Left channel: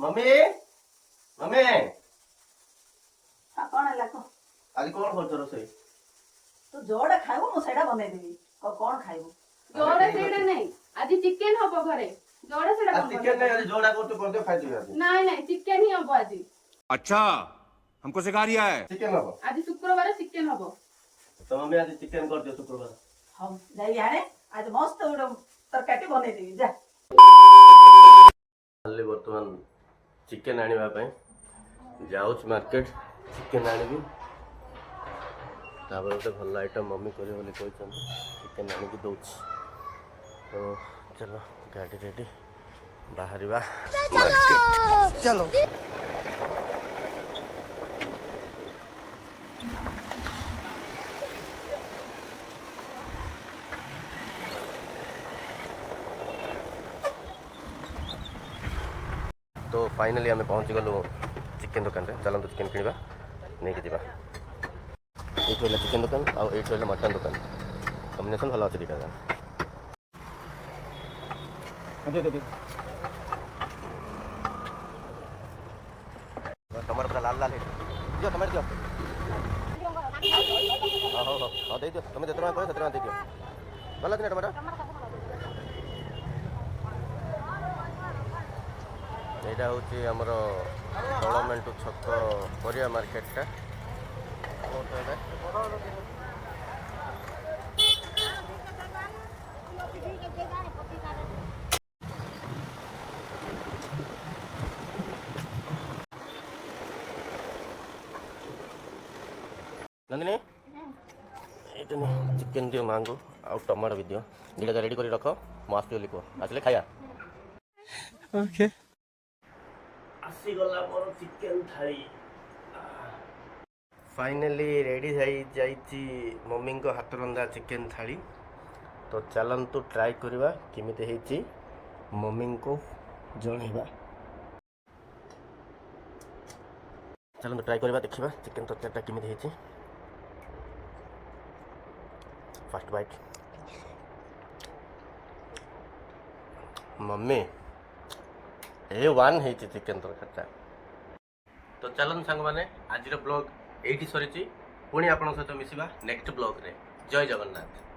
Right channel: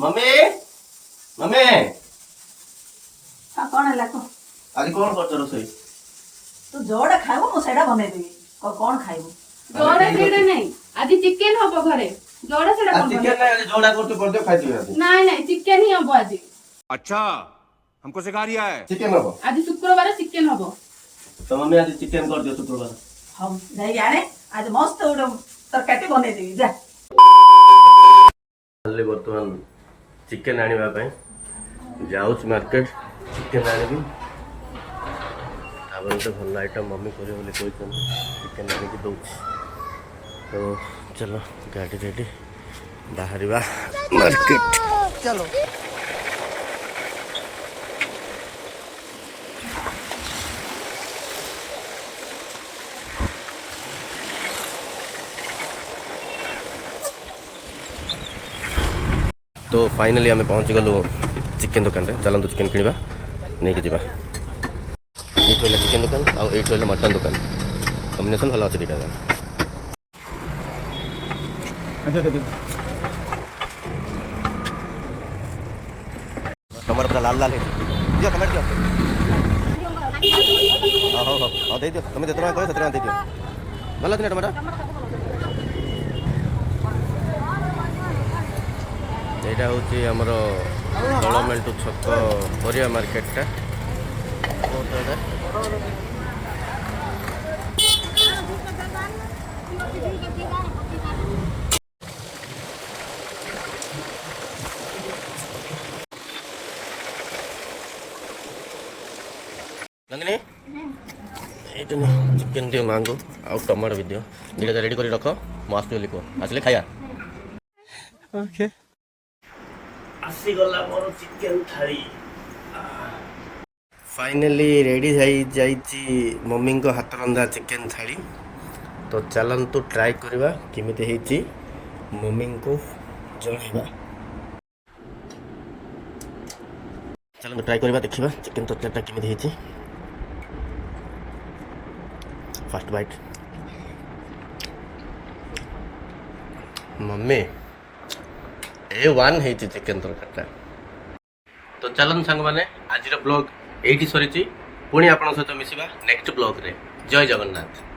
Mummy mummy कौन है को आज कौन कर रोसई तू जोड़ा खाइबो मु सेडा बनै देबी कौन खाइबो जोड़ा सेडा नहीं आज चिकन हबो घरे जोड़ा सेडा आज चिकन नहीं आज जोड़ा करते पड़ते खाइ दियो आज नहीं नहीं चिकन ही हबो आज। अच्छा हमको सिखा रिया है चिकन हबो आज शुक्रवार चिकन हबो तो मम्मी आज चिकन कर दियो शुक्रवार हम जाई आने आज मस्त उडो तरकारी बनै देबी जा खाली वर्तमान चिकन आनिबा पय जाउच मार्केट चिकन आनिबी तापर तो भल आइटम मम्मी करे बोले कहछन चिकन आनि के दउछ तो चलो गाड़ी रेडी बाहरिबा मार्केट चलो तो फाइनली आम पहुँची गलु चिकेन दुकान रे चलतु चिकेन किणवा नहीं कि चिकेन दुकान आठ मटन दुकान कम्बिनेसन भल अच्छे दुटा टमाटर पूरा लाल लाल है दियो टमाटर दियो हाँ हाँ हाँ दे दियो तुम जितना कहो से दे दियो भल अच्छे टमाटर यहाँ हूँ आमर दलमेंटू छक परिया मार्केटा नंदिनी ये चिकेन दियो मांगो आउ टमाटो भी दियो दुटा रेडी कर रख मस्त बोली कह आसले खाया ओके आसीगला मोर चिकेन थाली फाइनली रेडी जाइए मम्मी को हाथ रंधा चिकेन थाली तो चलतु ट्राए करवा केमिति हेची मम्मी को जणैबा चलतु ट्राए करवा देखिबा चिकेन तरकारीटा केमिति हेची फर्स्ट बाइट मम्मी A1 है चिकेन तरकारीटा तो चलन सांग माने आज ब्लॉग एठी सरीची पुणी आपन सहित मिसिबा नेक्स्ट ब्लॉग रे जय जगन्नाथ।